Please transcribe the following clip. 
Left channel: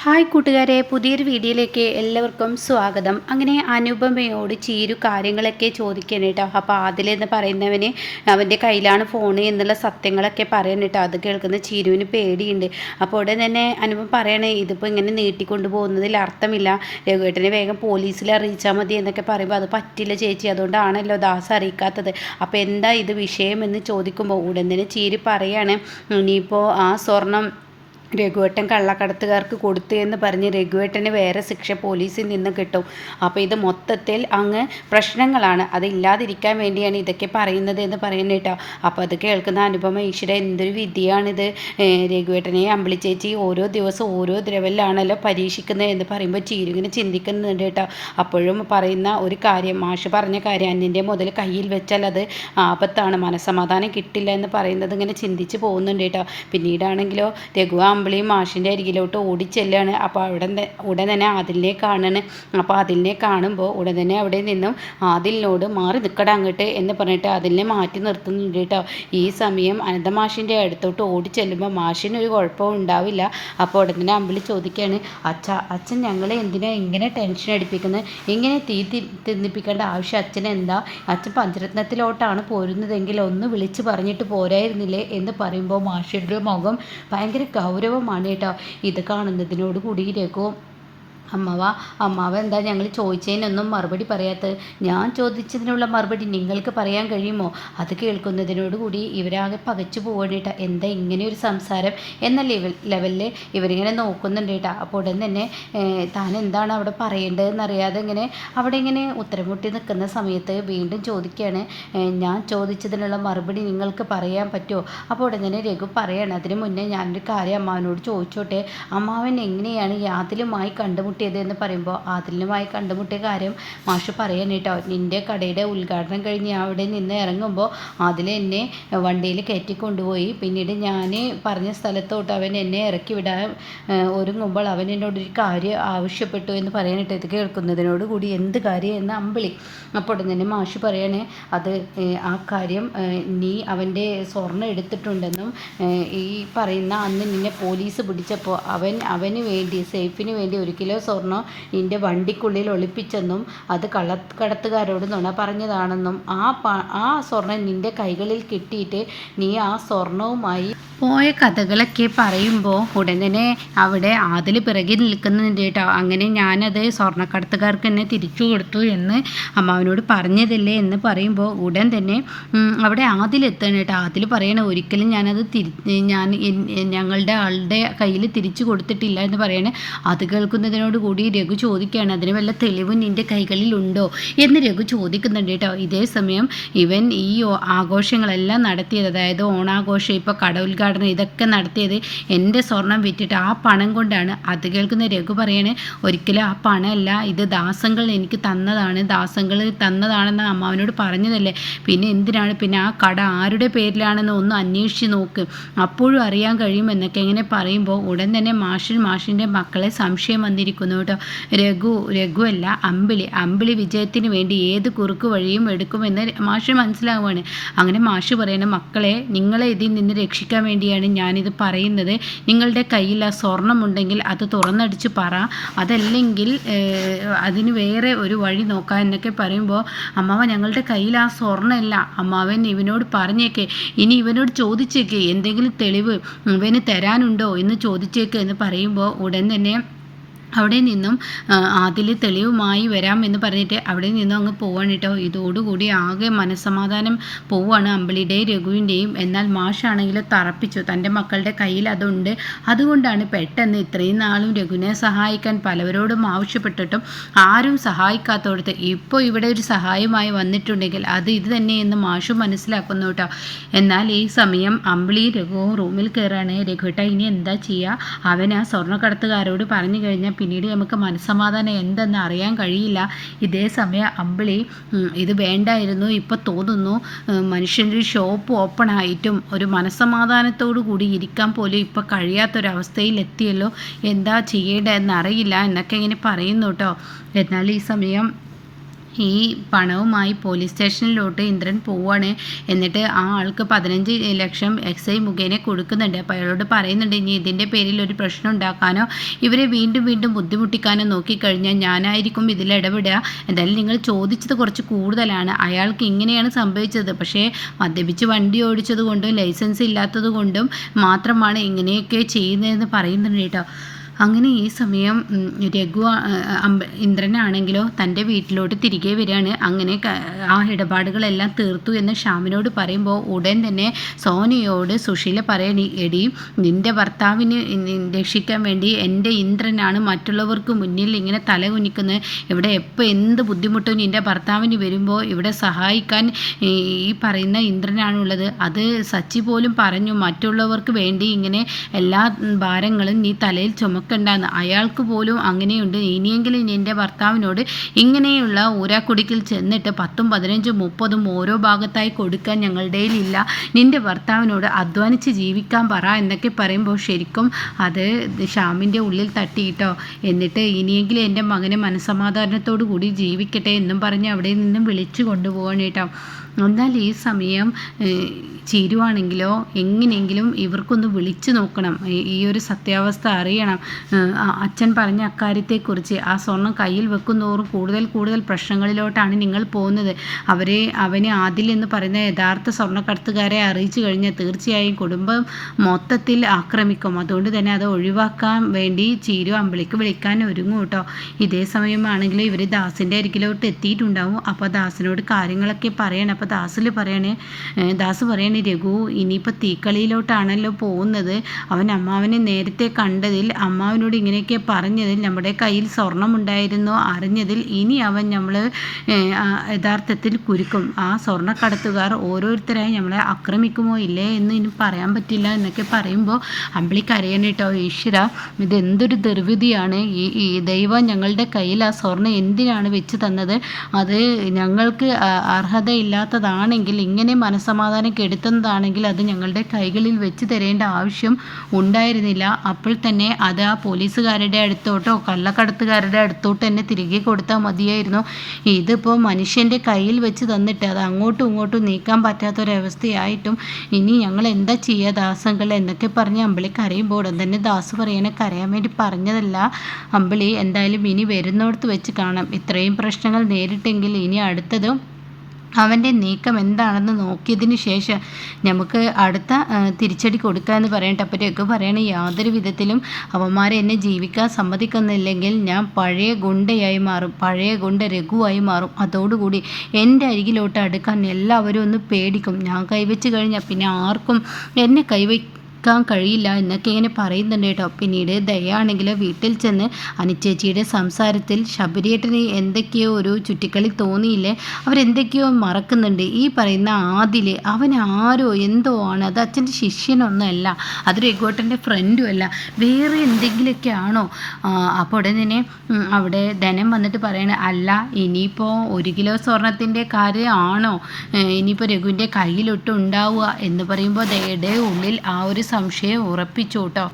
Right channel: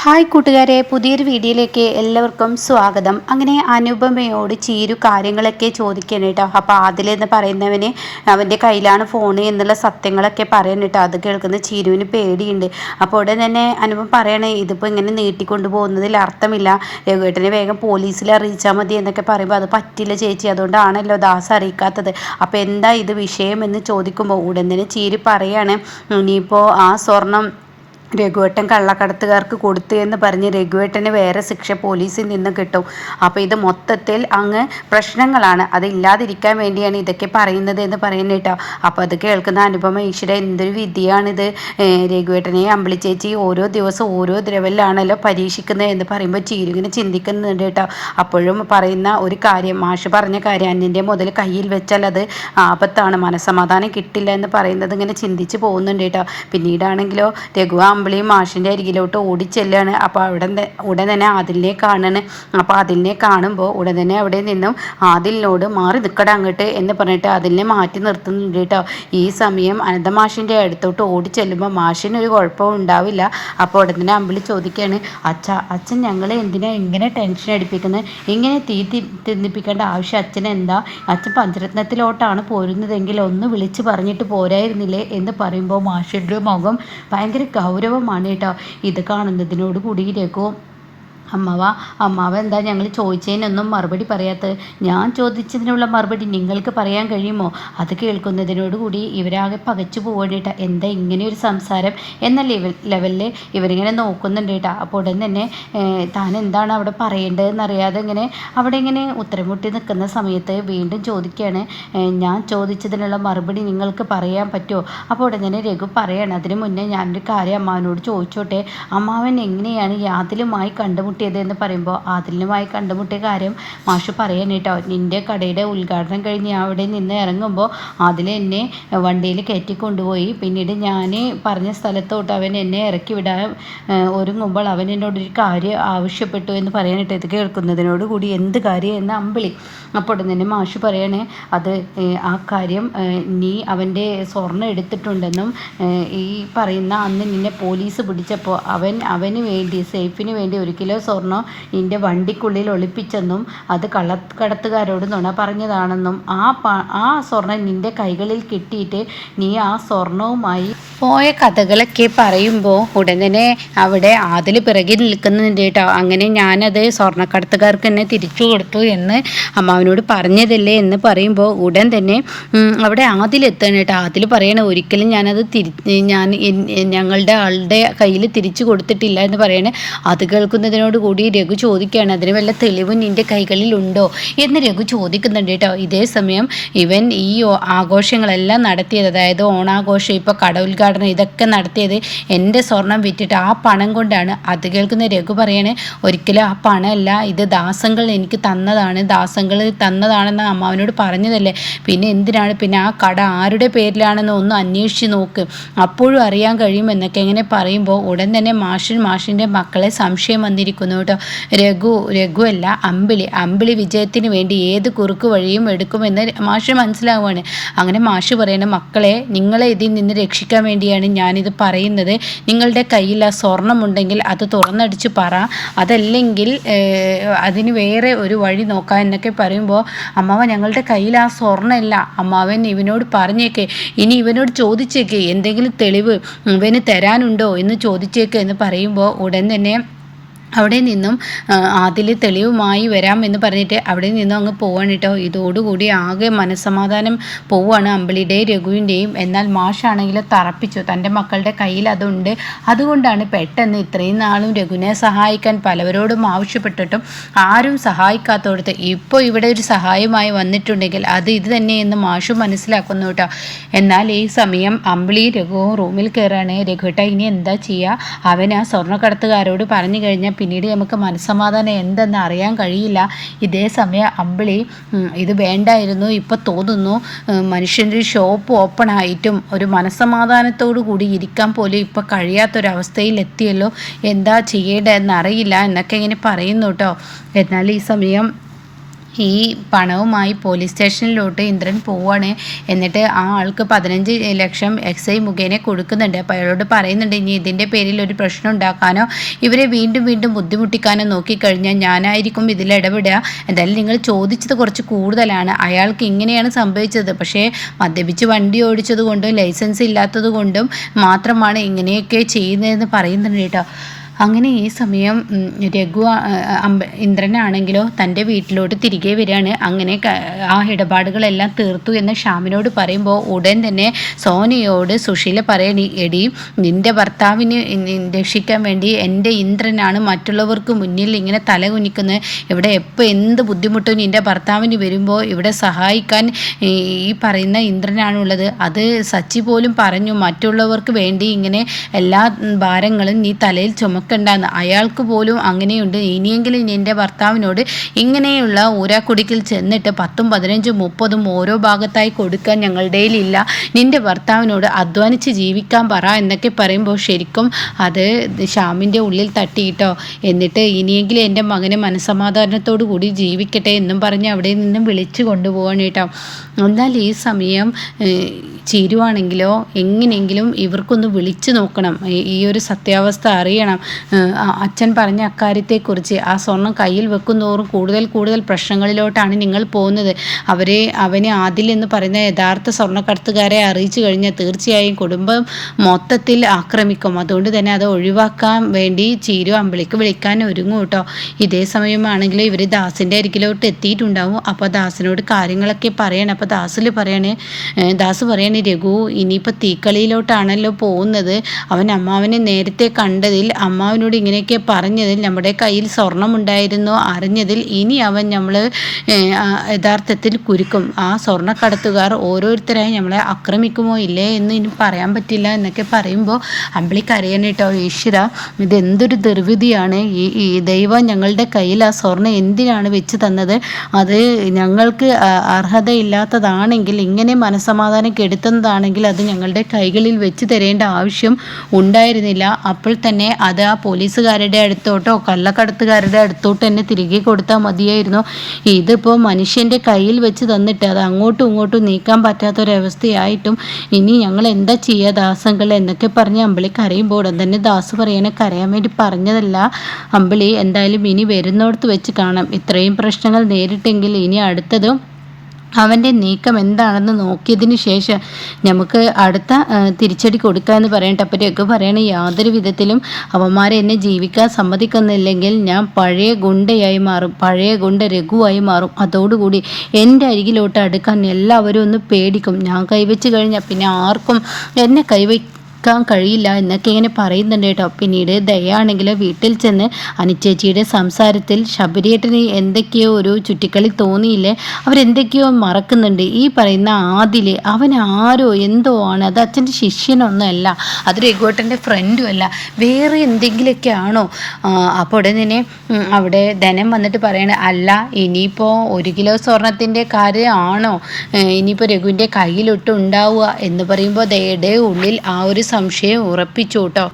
Hi കൂട്ടുകാരെ പുതിയൊരു വീഡിയോയിലേക്ക് എല്ലാവർക്കും സ്വാഗതം. അങ്ങനെ അനുപമയോട് ചീരു കാര്യങ്ങളൊക്കെ ചോദിക്കാൻ കേട്ടോ. അപ്പോൾ ആദിലെന്ന് പറയുന്നവന് അവന്റെ കയ്യിലാണ് ഫോൺ എന്നുള്ള സത്യങ്ങളൊക്കെ പറയണം കേട്ടോ. അത് കേൾക്കുന്ന ചീരുവിന് പേടിയുണ്ട്. അപ്പോൾ ഉടൻ തന്നെ അനുപം പറയണേ ഇതിപ്പോൾ ഇങ്ങനെ നീട്ടിക്കൊണ്ടു പോകുന്നതിൽ അർത്ഥമില്ല. രഘുവേട്ടനെ വേഗം പോലീസിൽ അറിയിച്ചാൽ മതി എന്നൊക്കെ പറയുമ്പോൾ അത് പറ്റില്ല ചേച്ചി. അതുകൊണ്ടാണല്ലോ ദാസ് അറിയിക്കാത്തത്. അപ്പോൾ എന്താ ഇത് വിഷയം എന്ന് ചോദിക്കുമ്പോൾ ഉടൻ തന്നെ ചീരു പറയാണ് ഇനിയിപ്പോൾ ആ സ്വർണം രഘുവേട്ടൻ കള്ളക്കടത്തുകാർക്ക് കൊടുത്തു എന്ന് പറഞ്ഞ് രഘുവേട്ടന് വേറെ ശിക്ഷ പോലീസിൽ നിന്ന് കിട്ടും. അപ്പോൾ ഇത് മൊത്തത്തിൽ അങ്ങ് പ്രശ്നങ്ങളാണ്. അതില്ലാതിരിക്കാൻ വേണ്ടിയാണ് ഇതൊക്കെ പറയുന്നത് എന്ന് പറയുന്നത് കേട്ടോ. അപ്പോൾ അത് കേൾക്കുന്ന അനുപമ ഈശ്വര എന്തൊരു വിധിയാണിത്. രഘുവേട്ടനെ അമ്പിളി ചേച്ചി ഓരോ ദിവസം ഓരോ ദ്രവലിലാണല്ലോ പരീക്ഷിക്കുന്നത് എന്ന് പറയുമ്പോൾ ചീരുവിനെ ചിന്തിക്കുന്നുണ്ട് കേട്ടോ. അപ്പോഴും പറയുന്ന ഒരു കാര്യം മാഷ് പറഞ്ഞ കാര്യം അന്യന്റെ മുതൽ കയ്യിൽ വെച്ചാൽ അത് ആപത്താണ്. മനസ്സമാധാനം കിട്ടില്ല എന്ന് പറയുന്നത് ഇങ്ങനെ ചിന്തിച്ച് പോകുന്നുണ്ട് കേട്ടോ. പിന്നീടാണെങ്കിലോ രഘു അമ്പിളിയും മാഷിന്റെ അരികിലോട്ട് ഓടിച്ചെല്ലാണ് അപ്പോൾ അവിടെ ഉടൻ തന്നെ ആദിലിനെ കാണണ്. അപ്പോൾ അതിലിനെ കാണുമ്പോൾ ഉടൻ തന്നെ അവിടെ നിന്നും ആദിലിനോട് മാറി നിൽക്കട അങ്ങോട്ട് എന്ന് പറഞ്ഞിട്ട് അതിലിനെ മാറ്റി നിർത്തുന്നുണ്ട് കേട്ടോ. ഈ സമയം അനന്ത മാഷിന്റെ അടുത്തോട്ട് ഓടിച്ചെല്ലുമ്പോൾ മാഷിനൊരു കുഴപ്പവും ഉണ്ടാവില്ല. അപ്പോൾ ഉടൻ തന്നെ അമ്പിളി ചോദിക്കുകയാണ് അച്ഛ അച്ഛൻ ഞങ്ങളെ എന്തിനാ ഇങ്ങനെ ടെൻഷൻ അടിപ്പിക്കുന്നത് ഇങ്ങനെ തീ തിന്നിപ്പിക്കേണ്ട ആവശ്യം അച്ഛൻ എന്താ? അച്ഛൻ പഞ്ചരത്നത്തിലോട്ടാണ് പോരുന്നതെങ്കിൽ ഒന്ന് വിളിച്ച് പറഞ്ഞിട്ട് പോരായിരുന്നില്ലേ? എന്ന് പറയുമ്പോൾ മാഷിന്റെ മുഖം ഭയങ്കര ഗൗരവ ഗൗരവമാണ് കേട്ടോ. ഇത് കാണുന്നതിനോട് കൂടി രഘു അമ്മാവ അമ്മാവ എന്താ ഞങ്ങൾ ചോദിച്ചതിനൊന്നും മറുപടി പറയാത്തത്? ഞാൻ ചോദിച്ചതിനുള്ള മറുപടി നിങ്ങൾക്ക് പറയാൻ കഴിയുമോ? അത് കേൾക്കുന്നതിനോടുകൂടി ഇവരാകെ പകച്ചു പോകേണ്ടിട്ട എന്താ ഇങ്ങനെ ഒരു സംസാരം? എന്ന ലെവൽ ലെവലിൽ ഇവരിങ്ങനെ നോക്കുന്നുണ്ട് കേട്ടോ അപ്പോൾ ഉടൻ തന്നെ താൻ എന്താണ് അവിടെ പറയേണ്ടതെന്ന് അറിയാതെ ഇങ്ങനെ അവിടെ ഇങ്ങനെ ഉത്തരമുട്ടി നിൽക്കുന്ന സമയത്ത് വീണ്ടും ചോദിക്കുകയാണ്. ഞാൻ ചോദിച്ചതിനുള്ള മറുപടി നിങ്ങൾക്ക് പറയാൻ പറ്റുമോ? അപ്പോൾ ഉടൻ തന്നെ രഘു പറയാണ്. അതിന് മുന്നേ ഞാനൊരു കാര്യം അമ്മാവനോട് ചോദിച്ചോട്ടെ? അമ്മാവൻ എങ്ങനെയാണ് യാതിലുമായി കണ്ടുമുട്ടി കണ്ടുമുട്ടിയത് എന്ന് പറയുമ്പോൾ ആദിലിനുമായി കണ്ടുമുട്ടിയ കാര്യം മാഷ് പറയാൻ കേട്ടോ. നിന്റെ കടയുടെ ഉദ്ഘാടനം കഴിഞ്ഞ് അവിടെ നിന്ന് ഇറങ്ങുമ്പോൾ അതിൽ എന്നെ വണ്ടിയിൽ കയറ്റി കൊണ്ടുപോയി. പിന്നീട് ഞാൻ പറഞ്ഞ സ്ഥലത്തോട്ട് അവൻ എന്നെ ഇറക്കി വിടാൻ ഒരുങ്ങുമ്പോൾ അവൻ എന്നോട് ഒരു കാര്യം ആവശ്യപ്പെട്ടു എന്ന് പറയാനിട്ട് ഇത് കേൾക്കുന്നതിനോട് കൂടി എന്ത് കാര്യം എന്ന് അമ്പിളി അപ്പോൾ തന്നെ മാഷ് പറയണേ അത് ആ കാര്യം നീ അവന്റെ സ്വർണം എടുത്തിട്ടുണ്ടെന്നും ഈ പറയുന്ന അന്ന് നിന്നെ പോലീസ് പിടിച്ചപ്പോൾ അവൻ അവന് വേണ്ടി സേഫിന് വേണ്ടി ഒരു കിലോ സ്വർണം ഇതിന്റെ വണ്ടിക്കുള്ളിൽ ഒളിപ്പിച്ചെന്നും അത് കള്ളക്കടത്തുകാരോട് നുണ പറഞ്ഞതാണെന്നും ആ ആ സ്വർണം നിന്റെ കൈകളിൽ കിട്ടിയിട്ട് നീ ആ സ്വർണവുമായി പോയ കഥകളൊക്കെ പറയുമ്പോൾ ഉടനെ അവിടെ ആദിൽ പിറകിൽ നിൽക്കുന്നുണ്ട് കേട്ടോ. അങ്ങനെ ഞാനത് സ്വർണക്കടത്തുകാർക്ക് തന്നെ തിരിച്ചു കൊടുത്തു എന്ന് അമ്മാവനോട് പറഞ്ഞതല്ലേ എന്ന് പറയുമ്പോൾ ഉടൻ തന്നെ അവിടെ ആദിലെത്തണം കേട്ടോ. ആദിൽ പറയണ ഒരിക്കലും ഞാനത് തിരി ഞാൻ ഞങ്ങളുടെ ആളുടെ കയ്യിൽ തിരിച്ചു കൊടുത്തിട്ടില്ല എന്ന് പറയണേ. അത് കേൾക്കുന്നതിനോട് കൂടി രഘു ചോദിക്കുകയാണ്. അതിന് വല്ല തെളിവ് നിന്റെ കൈകളിലുണ്ടോ? എന്ന് രഘു ചോദിക്കുന്നുണ്ട് കേട്ടോ. ഇതേ സമയം ഇവൻ ഈ ആഘോഷങ്ങളെല്ലാം നടത്തിയത് അതായത് ഓണാഘോഷം ഇപ്പോൾ കട ഉദ്ഘാടനം ഇതൊക്കെ നടത്തിയത് എന്റെ സ്വർണം വിറ്റിട്ട് ആ പണം കൊണ്ടാണ്. അത് കേൾക്കുന്ന രഘു പറയണേ ഒരിക്കലും ആ പണമല്ല. ഇത് ദാസങ്ങൾ എനിക്ക് തന്നതാണ്. ദാസങ്ങൾ തന്നതാണെന്ന് അമ്മാവനോട് പറഞ്ഞതല്ലേ? പിന്നെ എന്തിനാണ്? പിന്നെ ആ കട ആരുടെ പേരിലാണെന്ന് ഒന്ന് അന്വേഷിച്ച് നോക്ക്. അപ്പോഴും അറിയാൻ കഴിയുമെന്നൊക്കെ എങ്ങനെ പറയുമ്പോൾ ഉടൻ തന്നെ മാഷൻ മാഷിന്റെ മക്കളെ സംശയം വന്നിരിക്കുന്നു. കേട്ടോ രഘു രഘു അല്ല അമ്പിളി. അമ്പിളി വിജയത്തിന് വേണ്ടി ഏത് കുറുക്ക് വഴിയും എടുക്കുമെന്ന് മാഷ് മനസ്സിലാവുകയാണ് അങ്ങനെ മാഷ് പറയുന്ന മക്കളെ നിങ്ങളെ ഇതിൽ നിന്ന് രക്ഷിക്കാൻ വേണ്ടി വേണ്ടിയാണ് ഞാനിത് പറയുന്നത്. നിങ്ങളുടെ കയ്യിൽ ആ സ്വർണമുണ്ടെങ്കിൽ അത് തുറന്നടിച്ച് പറ. അതല്ലെങ്കിൽ അതിന് വേറെ ഒരു വഴി നോക്കാം എന്നൊക്കെ പറയുമ്പോൾ അമ്മാവ ഞങ്ങളുടെ കയ്യിൽ ആ സ്വർണമല്ല. അമ്മാവൻ ഇവനോട് പറഞ്ഞേക്കെ. ഇനി ഇവനോട് ചോദിച്ചേക്ക്. എന്തെങ്കിലും തെളിവ് ഇവന് തരാനുണ്ടോ എന്ന് ചോദിച്ചേക്ക് എന്ന് പറയുമ്പോൾ ഉടൻ തന്നെ അവിടെ നിന്നും അതിൽ തെളിവുമായി വരാം എന്ന് പറഞ്ഞിട്ട് അവിടെ നിന്നും അങ്ങ് പോവാണ് കേട്ടോ. ഇതോടുകൂടി ആകെ മനസ്സമാധാനം പോവാണ് അമ്പിളിയുടെയും രഘുവിന്റെയും എന്നാൽ മാഷാണെങ്കിലും തറപ്പിച്ചു. തന്റെ മക്കളുടെ കയ്യിൽ അതുണ്ട്. അതുകൊണ്ടാണ് പെട്ടെന്ന് ഇത്രയും നാളും രഘുവിനെ സഹായിക്കാൻ പലവരോടും ആവശ്യപ്പെട്ടിട്ടും ആരും സഹായിക്കാത്തോടത്ത് ഇപ്പോൾ ഇവിടെ ഒരു സഹായമായി വന്നിട്ടുണ്ടെങ്കിൽ അത് ഇത് തന്നെയെന്ന് മാഷു മനസ്സിലാക്കുന്നു കേട്ടോ. എന്നാൽ ഈ സമയം അമ്പിളി രഘുവും റൂമിൽ കയറാണ് രഘുട്ട ഇനി എന്താ ചെയ്യുക? അവൻ ആ സ്വർണക്കടത്തുകാരോട് പറഞ്ഞു കഴിഞ്ഞാൽ പിന്നീട് നമുക്ക് മനസ്സമാധാനം എന്തെന്ന് അറിയാൻ കഴിയില്ല. ഇതേ സമയം അമ്പിളി ഇത് വേണ്ടായിരുന്നു. ഇപ്പം തോന്നുന്നു മനുഷ്യന്റെ ഷോപ്പ് ഓപ്പൺ ആയിട്ടും ഒരു മനസ്സമാധാനത്തോടു കൂടി ഇരിക്കാൻ പോലും ഇപ്പം കഴിയാത്തൊരവസ്ഥയിൽ എത്തിയല്ലോ എന്താ ചെയ്യേണ്ടതെന്ന് അറിയില്ല എന്നൊക്കെ ഇങ്ങനെ പറയുന്നു കേട്ടോ. എന്നാൽ ഈ സമയം ഈ പണവുമായി പോലീസ് സ്റ്റേഷനിലോട്ട് ഇന്ദ്രൻ പോവാണ്. എന്നിട്ട് ആ ആൾക്ക് പതിനഞ്ച് ലക്ഷം എക്സ് ഐ മുഖേന കൊടുക്കുന്നുണ്ട്. അപ്പോൾ അയാളോട് പറയുന്നുണ്ട് ഇനി ഇതിന്റെ പേരിൽ ഒരു പ്രശ്നം ഉണ്ടാക്കാനോ ഇവരെ വീണ്ടും വീണ്ടും ബുദ്ധിമുട്ടിക്കാനോ നോക്കിക്കഴിഞ്ഞാൽ ഞാനായിരിക്കും ഇതിൽ ഇടപെടുക. എന്തായാലും നിങ്ങൾ ചോദിച്ചത് കുറച്ച് കൂടുതലാണ്. അയാൾക്ക് ഇങ്ങനെയാണ് സംഭവിച്ചത്. പക്ഷേ മദ്യപിച്ച് വണ്ടി ഓടിച്ചത് കൊണ്ടും ലൈസൻസ് ഇല്ലാത്തത് കൊണ്ടും മാത്രമാണ് ഇങ്ങനെയൊക്കെ ചെയ്യുന്നതെന്ന് പറയുന്നുണ്ട് കേട്ടോ. അങ്ങനെ ഈ സമയം രഘു അമ്പ ഇന്ദ്രനാണെങ്കിലോ തന്റെ വീട്ടിലോട്ട് തിരികെ വരികയാണ്. അങ്ങനെ ആ ഇടപാടുകളെല്ലാം തീർത്തു എന്ന് ഷാമിനോട് പറയുമ്പോൾ ഉടൻ തന്നെ സോനിയോട് സുശീല പറയണി എടി നിന്റെ ഭർത്താവിന് രക്ഷിക്കാൻ വേണ്ടി എന്റെ ഇന്ദ്രനാണ് മറ്റുള്ളവർക്ക് മുന്നിൽ ഇങ്ങനെ തല കുനിക്കുന്നത്. ഇവിടെ എപ്പോൾ എന്ത് ബുദ്ധിമുട്ടും നിന്റെ ഭർത്താവിന് വരുമ്പോൾ ഇവിടെ സഹായിക്കാൻ ഈ പറയുന്ന ഇന്ദ്രനാണുള്ളത്. അത് സച്ചി പോലും പറഞ്ഞു മറ്റുള്ളവർക്ക് വേണ്ടി ഇങ്ങനെ എല്ലാ ഭാരങ്ങളും നീ തലയിൽ ചുമ നോക്കണ്ടെന്ന് അയാൾക്ക് പോലും അങ്ങനെയുണ്ട്. ഇനിയെങ്കിലും എന്റെ ഭർത്താവിനോട് ഇങ്ങനെയുള്ള ഊരാക്കുടിക്കിൽ ചെന്നിട്ട് പത്തും പതിനഞ്ചും മുപ്പതും ഓരോ ഭാഗത്തായി കൊടുക്കാൻ ഞങ്ങളുടെ ഇല്ല നിന്റെ ഭർത്താവിനോട് അധ്വാനിച്ച് ജീവിക്കാൻ പറ എന്നൊക്കെ പറയുമ്പോൾ ശരിക്കും അത് ഷാമിന്റെ ഉള്ളിൽ തട്ടിയിട്ടോ. എന്നിട്ട് ഇനിയെങ്കിലും എന്റെ മകനെ മനസമാധാനത്തോടു കൂടി ജീവിക്കട്ടെ എന്നും പറഞ്ഞ് അവിടെ നിന്നും വിളിച്ചു കൊണ്ടുപോകണം കേട്ടോ. എന്നാൽ ഈ സമയം ചേരുവാണെങ്കിലോ എങ്ങനെയെങ്കിലും ഇവർക്കൊന്ന് വിളിച്ചു നോക്കണം. ഈ ഒരു സത്യാവസ്ഥ അറിയണം. അച്ഛൻ പറഞ്ഞ അക്കാര്യത്തെക്കുറിച്ച് ആ സ്വർണം കയ്യിൽ വെക്കുന്നതോറും കൂടുതൽ കൂടുതൽ പ്രശ്നങ്ങളിലോട്ടാണ് നിങ്ങൾ പോകുന്നത്. അവരെ അവനെ ആദിൽ എന്ന് പറയുന്ന യഥാർത്ഥ സ്വർണക്കടത്തുകാരെ അറിയിച്ചു കഴിഞ്ഞാൽ തീർച്ചയായും കുടുംബം മൊത്തത്തിൽ ആക്രമിക്കും. അതുകൊണ്ട് തന്നെ അത് ഒഴിവാക്കാൻ വേണ്ടി ചീരു അമ്പിളിക്ക് വിളിക്കാൻ ഒരുങ്ങും കേട്ടോ. ഇതേ സമയമാണെങ്കിൽ ഇവർ ദാസിന്റെ അരികിലോട്ട് എത്തിയിട്ടുണ്ടാവും. അപ്പോൾ ദാസിനോട് കാര്യങ്ങളൊക്കെ പറയണം. അപ്പോൾ ദാസിൽ പറയണേ ദാസ് പറയണേ രഘു ഇനിയിപ്പോൾ തീക്കളിയിലോട്ടാണല്ലോ പോകുന്നത്. അവൻ അമ്മാവനെ നേരത്തെ കണ്ടതിൽ അമ്മാവനോട് ഇങ്ങനെയൊക്കെ പറഞ്ഞതിൽ നമ്മുടെ കയ്യിൽ സ്വർണമുണ്ടായിരുന്നു. അറിഞ്ഞതിൽ ഇനി അവൻ നമ്മൾ യഥാർത്ഥത്തിൽ കുരുക്കും. ആ സ്വർണക്കടത്തുകാർ ഓരോരുത്തരായി നമ്മളെ ആക്രമിക്കുമോ ഇല്ലേ എന്ന് ഇനി പറയാൻ പറ്റില്ല എന്നൊക്കെ പറയുമ്പോൾ അമ്പിളി കരയാനിട്ടോ ഈശ്വര ഇതെന്തൊരു ദുർവിധിയാണ്? ഈ ദൈവം ഞങ്ങളുടെ കയ്യിൽ ആ സ്വർണം എന്തിനാണ് വെച്ച് തന്നത്? അത് ഞങ്ങൾക്ക് അർഹതയില്ലാത്തതാണെങ്കിൽ ഇങ്ങനെ മനസമാധാനം കെടുത്തുന്നതാണെങ്കിൽ അത് ഞങ്ങളുടെ കൈകളിൽ വെച്ച് തരേണ്ട ആവശ്യം ഉണ്ടായിരുന്നില്ല. അപ്പോൾ തന്നെ അത് ആ പോലീസുകാരുടെ അടുത്തോട്ടോ കള്ളക്കടത്തുകാരുടെ അടുത്തോട്ടോ തന്നെ തിരികെ കൊടുത്താൽ മതിയായിരുന്നു. ഇതിപ്പോൾ മനുഷ്യന്റെ കയ്യിൽ വെച്ച് തന്നിട്ട് അത് അങ്ങോട്ടും ഇങ്ങോട്ടും നീക്കാൻ പറ്റാത്തൊരവസ്ഥയായിട്ടും ഇനി ഞങ്ങൾ എന്താ ചെയ്യുക ദാസങ്ങൾ എന്നൊക്കെ പറഞ്ഞ് അമ്പിളി കരയുമ്പോൾ ഉടൻ തന്നെ ദാസ് പറയാനെ കരയാൻ വേണ്ടി പറഞ്ഞതല്ല അമ്പിളി എന്തായാലും ഇനി വരുന്നിടത്ത് വെച്ച് കാണാം. ഇത്രയും പ്രശ്നങ്ങൾ നേരിട്ടെങ്കിൽ ഇനി അടുത്തതും അവന്റെ നീക്കം എന്താണെന്ന് നോക്കിയതിന് ശേഷം നമുക്ക് അടുത്ത തിരിച്ചടി കൊടുക്കാമെന്ന് എന്ന് അപ്പോൾ രഘു പറയണ യാതൊരു വിധത്തിലും അവന്മാരെ എന്നെ ജീവിക്കാൻ സമ്മതിക്കുന്നില്ലെങ്കിൽ ഞാൻ പഴയ ഗുണ്ടയായി മാറും. പഴയ ഗുണ്ട രഘുവായി മാറും. അതോടുകൂടി എന്റെ അരികിലോട്ട് അടുക്കാൻ എല്ലാവരും ഒന്ന് പേടിക്കും. ഞാൻ കൈവച്ച് കഴിഞ്ഞാൽ പിന്നെ ആർക്കും എന്നെ കൈവ നിൽക്കാൻ കഴിയില്ല എന്നൊക്കെ ഇങ്ങനെ പറയുന്നുണ്ട് കേട്ടോ. പിന്നീട് ദയാണെങ്കിൽ വീട്ടിൽ ചെന്ന് അനുചേച്ചിയുടെ സംസാരത്തിൽ ശബരിയേട്ടന് എന്തൊക്കെയോ ഒരു ചുറ്റിക്കളി തോന്നിയില്ലേ? അവരെന്തൊക്കെയോ മറക്കുന്നുണ്ട്. ഈ പറയുന്ന ആദിൽ അവൻ ആരോ എന്തോ ആണ്. അത് അച്ഛന്റെ ശിഷ്യനൊന്നുമല്ല അത് രഘുവേട്ടന്റെ ഫ്രണ്ടും അല്ല. വേറെ എന്തെങ്കിലുമൊക്കെ ആണോ? അപ്പോൾ ഉടനെ തന്നെ അവിടെ ധനം വന്നിട്ട് പറയണ അല്ല ഇനിയിപ്പോൾ ഒരു കിലോ സ്വർണത്തിന്റെ കാര്യമാണോ? ഇനിയിപ്പോൾ രഘുവിന്റെ കയ്യിലൊട്ടുണ്ടാവുക എന്ന് പറയുമ്പോൾ ദയുടെ ഉള്ളിൽ ആ ഒരു സംശയം ഉറപ്പിച്ചു കേട്ടോ.